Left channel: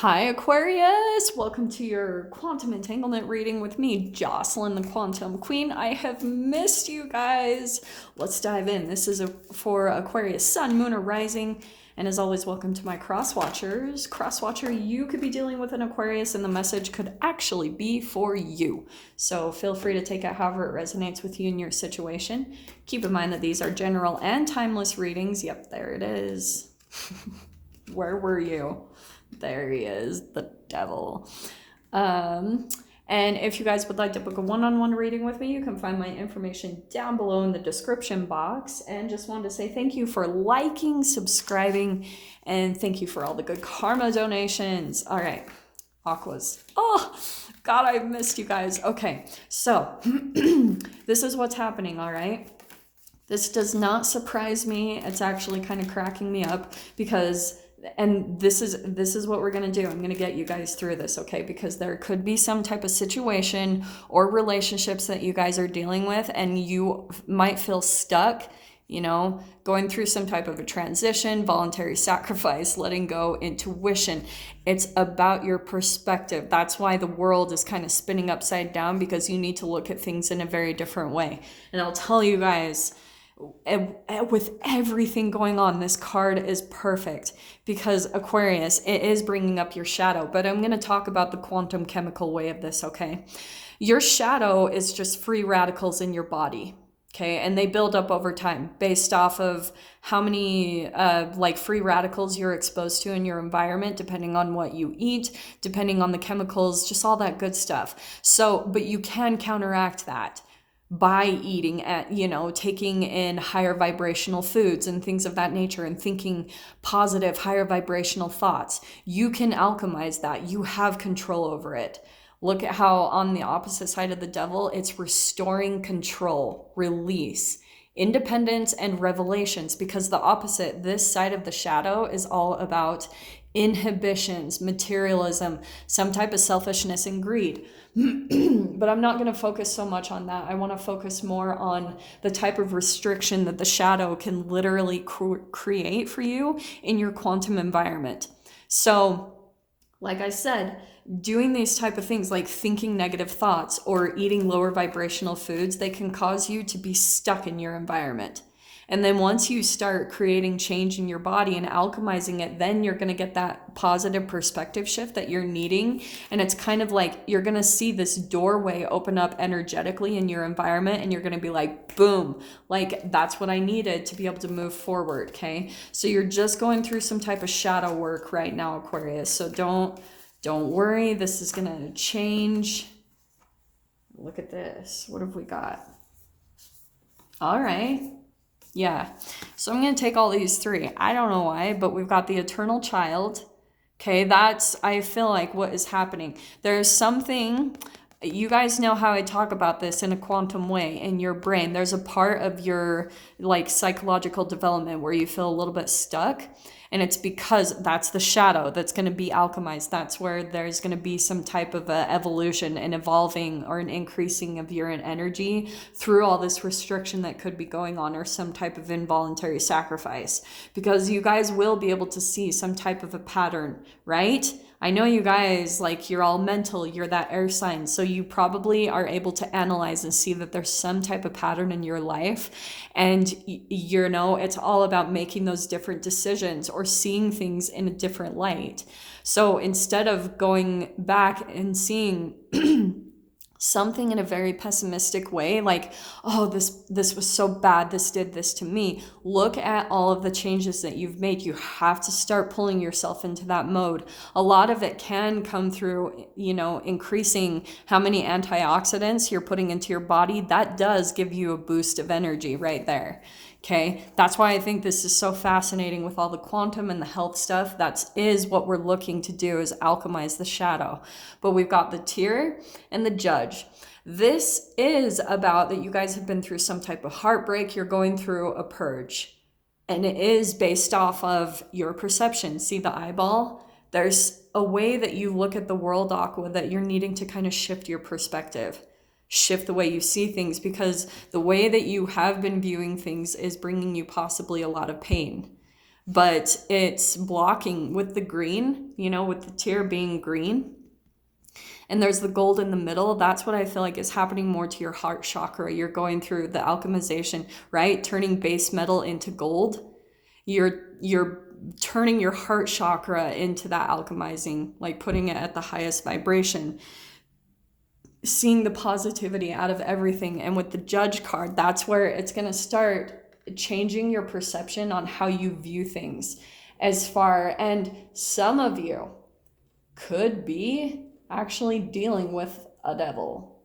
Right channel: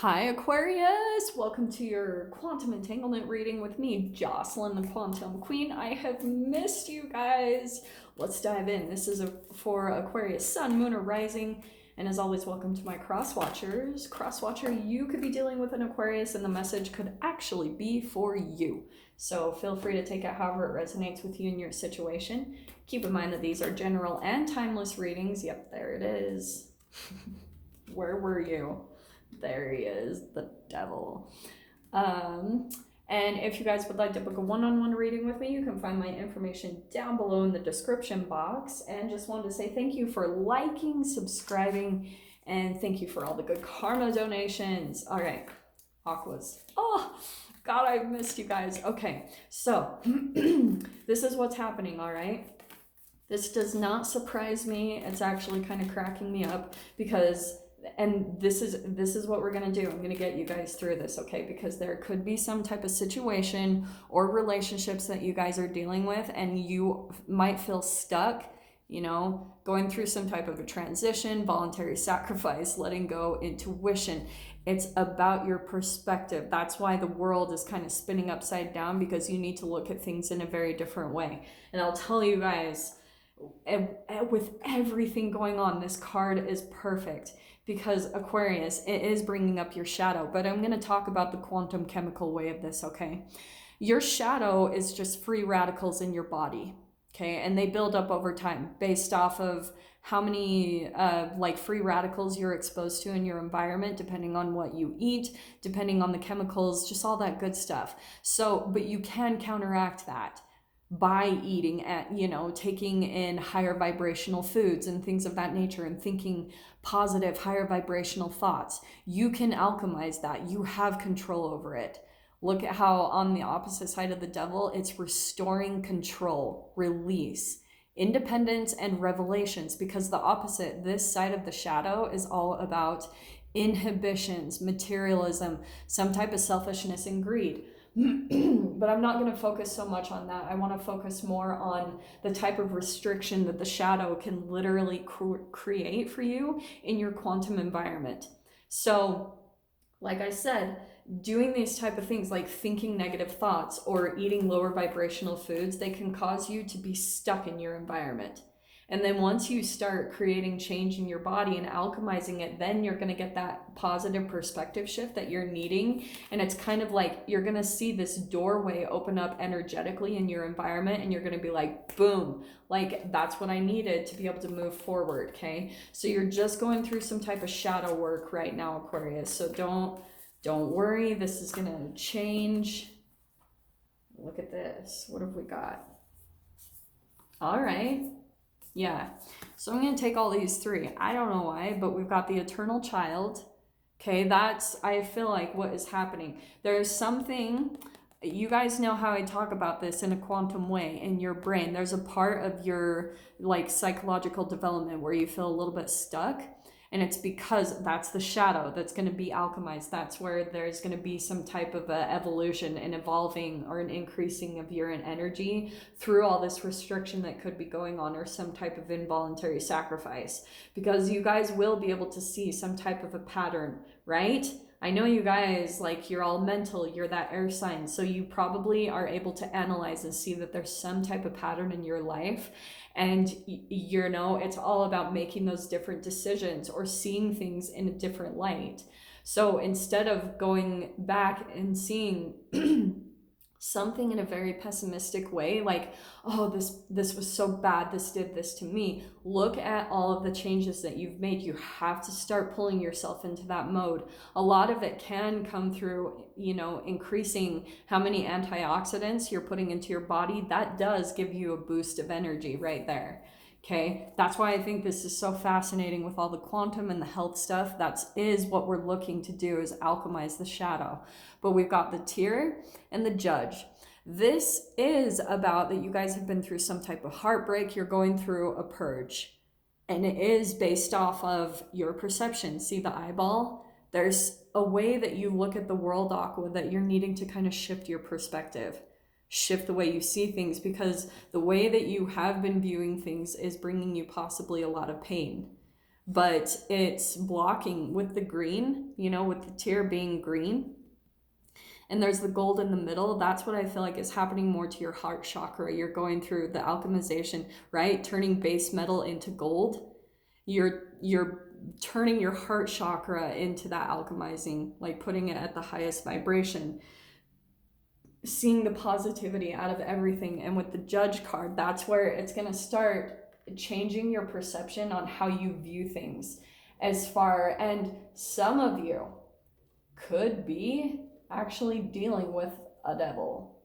Hi Aquarius! Welcome to your quantum entanglement reading with me, Jocelyn the Quantum Queen. I have missed you guys. Let's dive in. This is for Aquarius Sun, Moon, or Rising. And as always, welcome to my cross watchers. Cross watcher, you could be dealing with an Aquarius and the message could actually be for you. So feel free to take it however it resonates with you in your situation. Keep in mind that these are general and timeless readings. Yep, there it is. Where were you? There he is, the devil. And if you guys would like to book a one-on-one reading with me, you can find my information down below in the description box. And just wanted to say thank you for liking, subscribing, and thank you for all the good karma donations. All right, Aquas. Oh, God, I've missed you guys. Okay, so this is what's happening, all right? This does not surprise me. It's actually kind of cracking me up because... and this is what we're going to do. I'm going to get you guys through this, okay? Because there could be some type of situation or relationships that you guys are dealing with and you might feel stuck, you know, going through some type of a transition, voluntary sacrifice, letting go, intuition. It's about your perspective. That's why the world is kind of spinning upside down, because you need to look at things in a very different way. And I'll tell you guys, with everything going on, this card is perfect because Aquarius, it is bringing up your shadow, but I'm going to talk about the quantum chemical way of this, okay? Your shadow is just free radicals in your body, okay? And they build up over time based off of how many like free radicals you're exposed to in your environment, depending on what you eat, depending on the chemicals, just all that good stuff. So, but you can counteract that by eating at, you know, taking in higher vibrational foods and things of that nature and thinking positive, higher vibrational thoughts. You can alchemize that. You have control over it. Look at how on the opposite side of the devil, it's restoring control, release, independence, and revelations, because the opposite, this side of the shadow, is all about inhibitions, materialism, some type of selfishness and greed. But I'm not going to focus so much on that. I want to focus more on the type of restriction that the shadow can literally create for you in your quantum environment. So, like I said, doing these type of things like thinking negative thoughts or eating lower vibrational foods, they can cause you to be stuck in your environment. And then once you start creating change in your body and alchemizing it, then you're going to get that positive perspective shift that you're needing. And it's kind of like you're going to see this doorway open up energetically in your environment, and you're going to be like, boom, like that's what I needed to be able to move forward, okay? So you're just going through some type of shadow work right now, Aquarius. So don't worry, this is going to change. Look at this. What have we got? All right. Yeah, so I'm going to take all these three. I don't know why, but we've got the eternal child. Okay, that's, I feel like, what is happening. There's something, you guys know how I talk about this in a quantum way in your brain. There's a part of your, like, psychological development where you feel a little bit stuck. And it's because that's the shadow that's going to be alchemized. That's where there's going to be some type of a evolution and evolving or an increasing of your energy through all this restriction that could be going on, or some type of involuntary sacrifice. Because you guys will be able to see some type of a pattern, right? I know you guys, like, you're all mental, you're that air sign, so you probably are able to analyze and see that there's some type of pattern in your life, and you know, it's all about making those different decisions or seeing things in a different light. So instead of going back and seeing something in a very pessimistic way, like, oh, this was so bad, this did this to me, look at all of the changes that you've made. You have to start pulling yourself into that mode. A lot of it can come through, you know, increasing how many antioxidants you're putting into your body. That does give you a boost of energy right there. Okay, that's why I think this is so fascinating with all the quantum and the health stuff. That is what we're looking to do, is alchemize the shadow. But we've got the tear and the judge. This is about that you guys have been through some type of heartbreak. You're going through a purge. And it is based off of your perception. See the eyeball? There's a way that you look at the world, Aqua, that you're needing to kind of shift your perspective. Shift the way you see things, because the way that you have been viewing things is bringing you possibly a lot of pain. but it's blocking with the green, you know, with the tier being green. And there's the gold in the middle. That's what I feel like is happening more to your heart chakra. You're going through the alchemization, right? Turning base metal into gold. You're turning your heart chakra into that alchemizing, like putting it at the highest vibration, seeing the positivity out of everything. And with the Judge card, that's where it's going to start changing your perception on how you view things. And some of you could be actually dealing with a devil,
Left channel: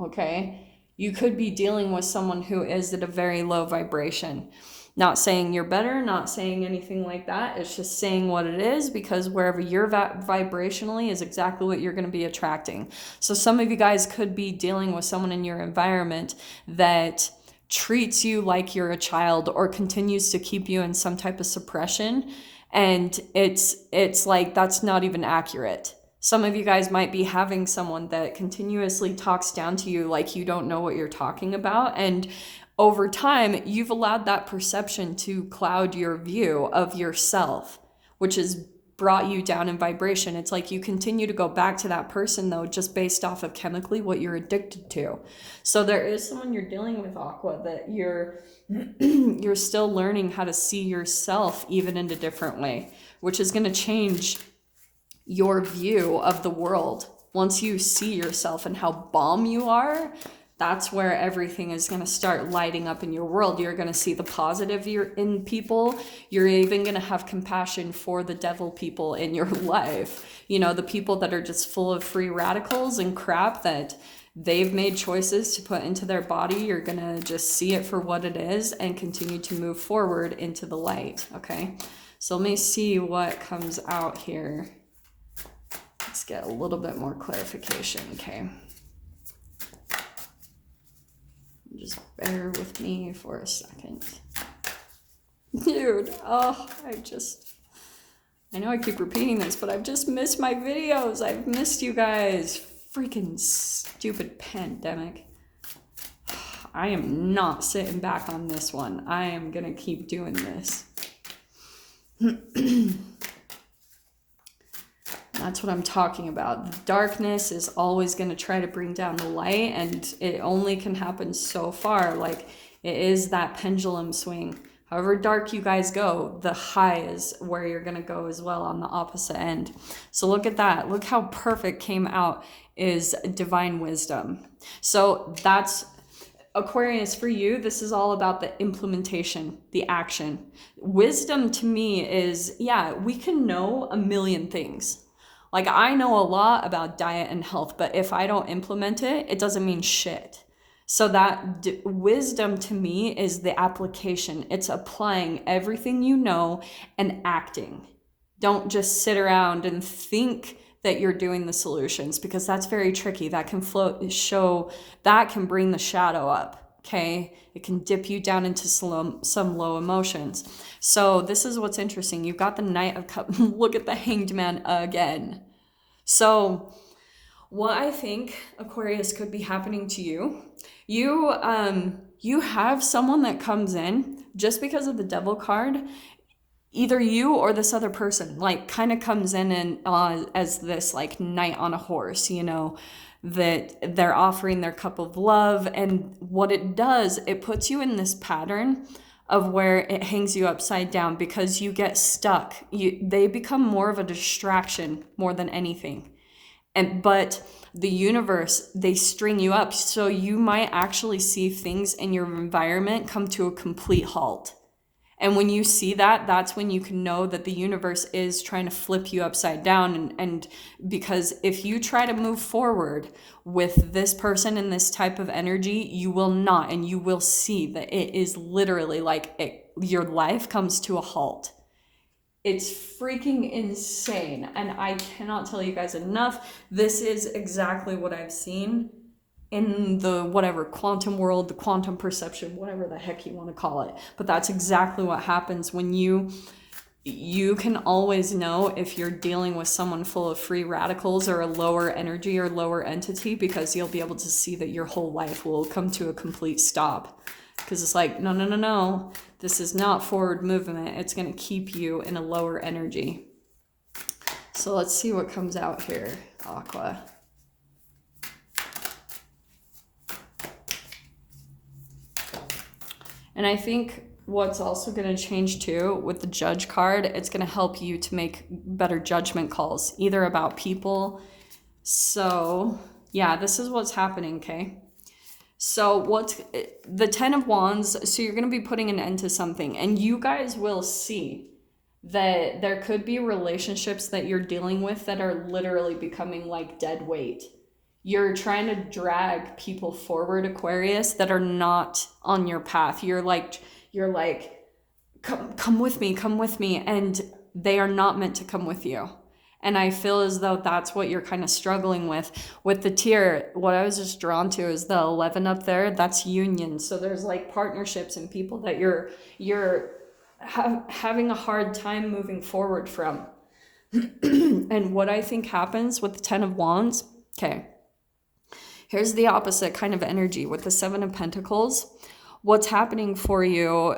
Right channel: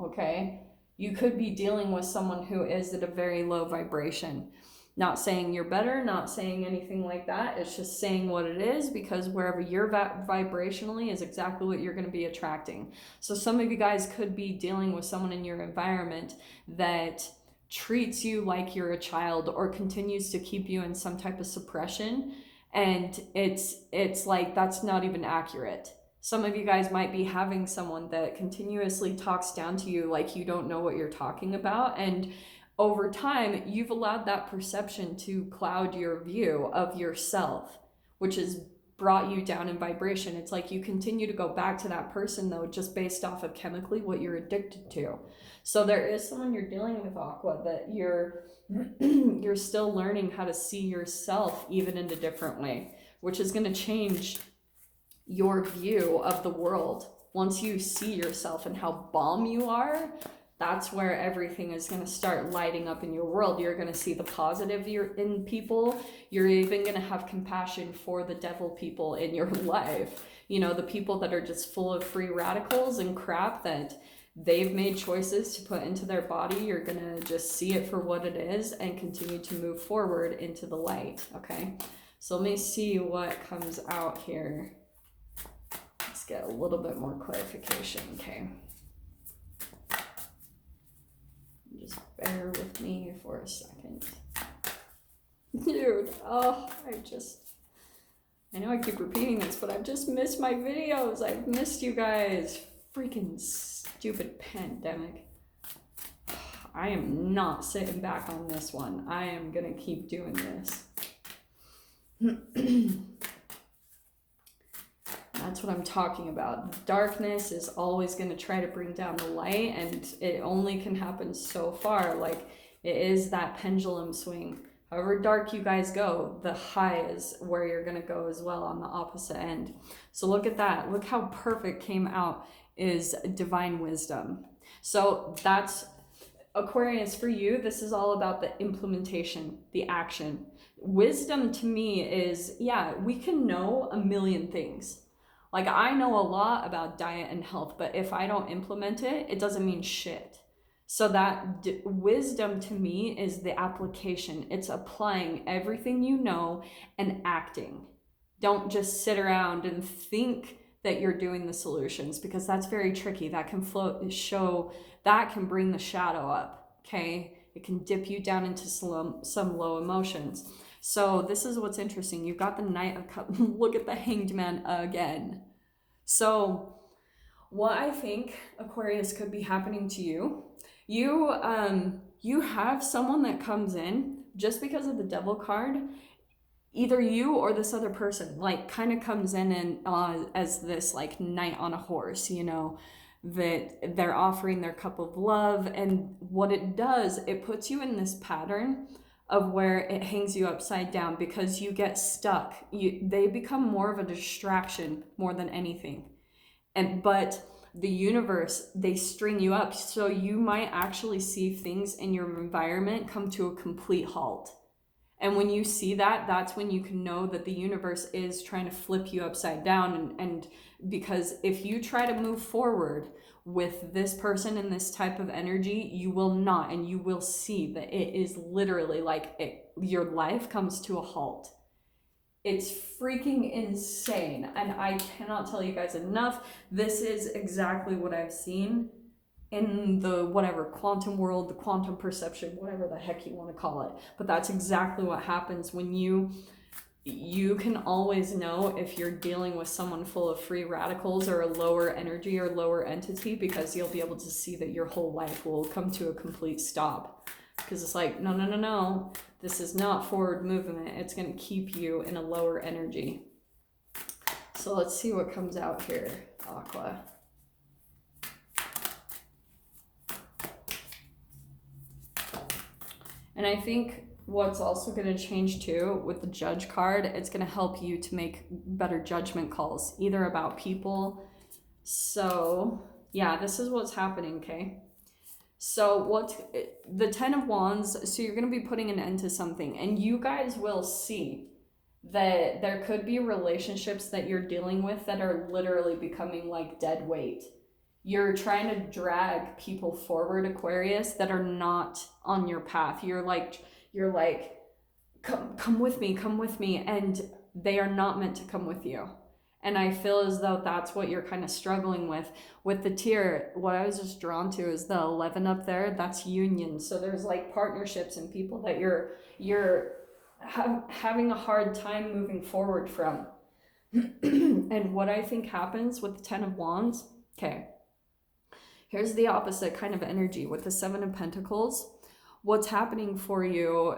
okay? You could be dealing with someone who is at a very low vibration. Not saying you're better, not saying anything like that. It's just saying what it is, because wherever you're vibrationally is exactly what you're going to be attracting. So some of you guys could be dealing with someone in your environment that treats you like you're a child or continues to keep you in some type of suppression. And it's like, that's not even accurate. Some of you guys might be having someone that continuously talks down to you like you don't know what you're talking about. And over time, you've allowed that perception to cloud your view of yourself, which has brought you down in vibration. It's like you continue to go back to that person, though, just based off of chemically what you're addicted to. So there is someone you're dealing with, Aqua, that you're still learning how to see yourself even in a different way, which is going to change your view of the world. Once you see yourself and how bomb you are, that's where everything is going to start lighting up in your world. You're going to see the positive in people. You're even going to have compassion for the devil people in your life. You know, the people that are just full of free radicals and crap that they've made choices to put into their body. You're going to just see it for what it is and continue to move forward into the light. Okay. So let me see what comes out here. Let's get a little bit more clarification, okay? Just bear with me for a second. Dude, oh, I know I keep repeating this, but I've just missed my videos. I've missed you guys. Freaking stupid pandemic. I am not sitting back on this one. I am gonna keep doing this. That's what I'm talking about. The darkness is always going to try to bring down the light, and it only can happen so far. Like, it is that pendulum swing. However dark you guys go, the high is where you're going to go as well on the opposite end. So look at that. Look how perfect came out is divine wisdom. So that's Aquarius, for you, this is all about the implementation, the action. Wisdom to me is, yeah, we can know a million things. Like, I know a lot about diet and health, but if I don't implement it, it doesn't mean shit. So that wisdom to me is the application. It's applying everything you know and acting. Don't just sit around and think that you're doing the solutions, because that's very tricky. That can that can bring the shadow up, okay? It can dip you down into some low emotions. So this is what's interesting. You've got the Knight of Cups. Look at the Hanged Man again. So what I think, Aquarius, could be happening to you, you have someone that comes in just because of the Devil card. Either you or this other person, like, kind of comes in and as this, like, knight on a horse, you know, that they're offering their cup of love. And what it does, it puts you in this pattern of where it hangs you upside down because you get stuck. They become more of a distraction more than anything. But the universe, they string you up. So you might actually see things in your environment come to a complete halt. And when you see that, that's when you can know that the universe is trying to flip you upside down. And because if you try to move forward with this person in this type of energy, you will not. And you will see that it is literally like your life comes to a halt. It's freaking insane. And I cannot tell you guys enough. This is exactly what I've seen in the whatever quantum world, the quantum perception, whatever the heck you want to call it. But that's exactly what happens when you can always know if you're dealing with someone full of free radicals or a lower energy or lower entity, because you'll be able to see that your whole life will come to a complete stop. because it's like, no, no, no, no. This is not forward movement. It's going to keep you in a lower energy. So let's see what comes out here, Aqua. And I think what's also going to change too with the Judge card, it's going to help you to make better judgment calls, either about people. So yeah, this is what's happening, okay? So what's the 10 of Wands? So you're going to be putting an end to something, and you guys will see that there could be relationships that you're dealing with that are literally becoming like dead weight. You're trying to drag people forward, Aquarius, that are not on your path. You're like, come with me, and they are not meant to come with you. And I feel as though that's what you're kind of struggling with. With the tier, what I was just drawn to is the 11 up there. That's union. So there's like partnerships and people that you're having a hard time moving forward from. And what I think happens with the 10 of Wands, okay, here's the opposite kind of energy with the 7 of Pentacles. What's happening for you,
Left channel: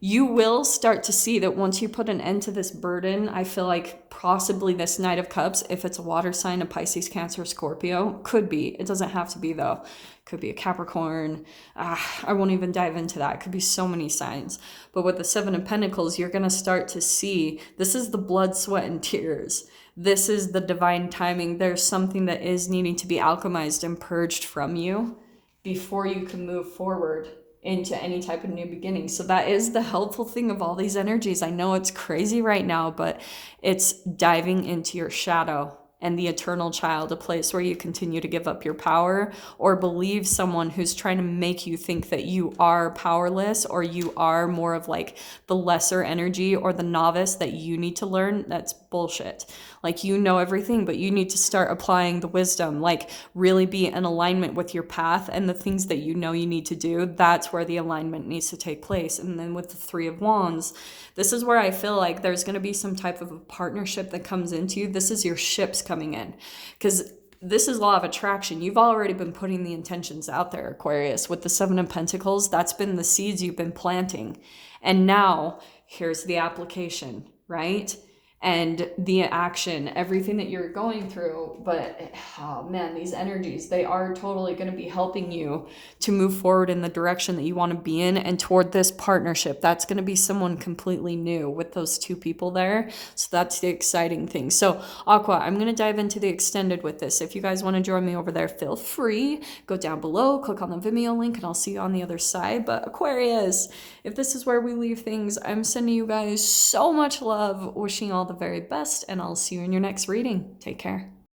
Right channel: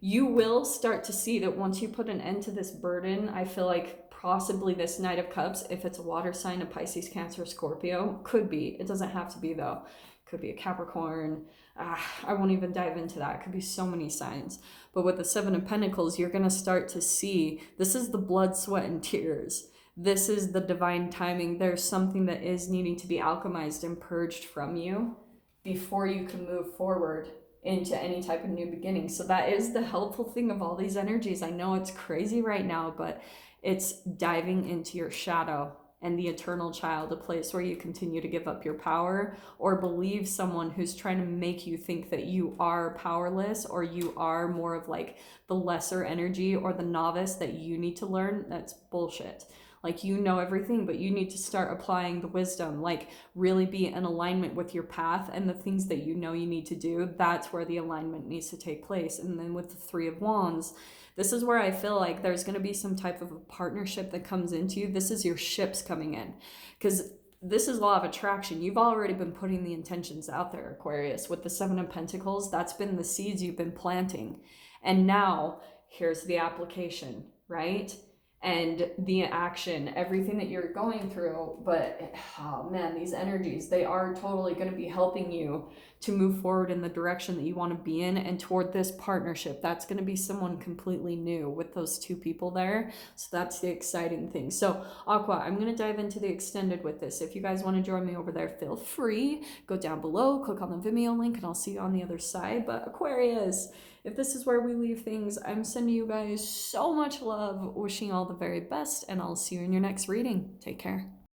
you will start to see that once you put an end to this burden, I feel like possibly this Knight of Cups, if it's a water sign, a Pisces, Cancer, Scorpio, could be. It doesn't have to be though. Could be a Capricorn. I won't even dive into that. It could be so many signs. But with the 7 of Pentacles, you're going to start to see, this is the blood, sweat, and tears. This is the divine timing. There's something that is needing to be alchemized and purged from you before you can move forward into any type of new beginning. So that is the helpful thing of all these energies. I know it's crazy right now, but it's diving into your shadow and the eternal child, a place where you continue to give up your power or believe someone who's trying to make you think that you are powerless, or you are more of like the lesser energy or the novice that you need to learn. That's bullshit. Like, you know everything, but you need to start applying the wisdom, like really be in alignment with your path and the things that you know you need to do. That's where the alignment needs to take place. And then with the 3 of Wands, this is where I feel like there's going to be some type of a partnership that comes into you. This is your ships coming in, because this is law of attraction. You've already been putting the intentions out there, Aquarius. With the 7 of Pentacles, that's been the seeds you've been planting. And now here's the application, right? And the action, everything that you're going through. But oh man, these energies, they are totally going to be helping you to move forward in the direction that you want to be in, and toward this partnership. That's going to be someone completely new with those 2 people there. So that's the exciting thing. So Aqua, I'm going to dive into the extended with this. If you guys want to join me over there, feel free. Go down below, click on the Vimeo link, and I'll see you on the other side. But Aquarius, if this is where we leave things, I'm sending you guys so much love, wishing all the very best, and I'll see you in your next reading. Take care.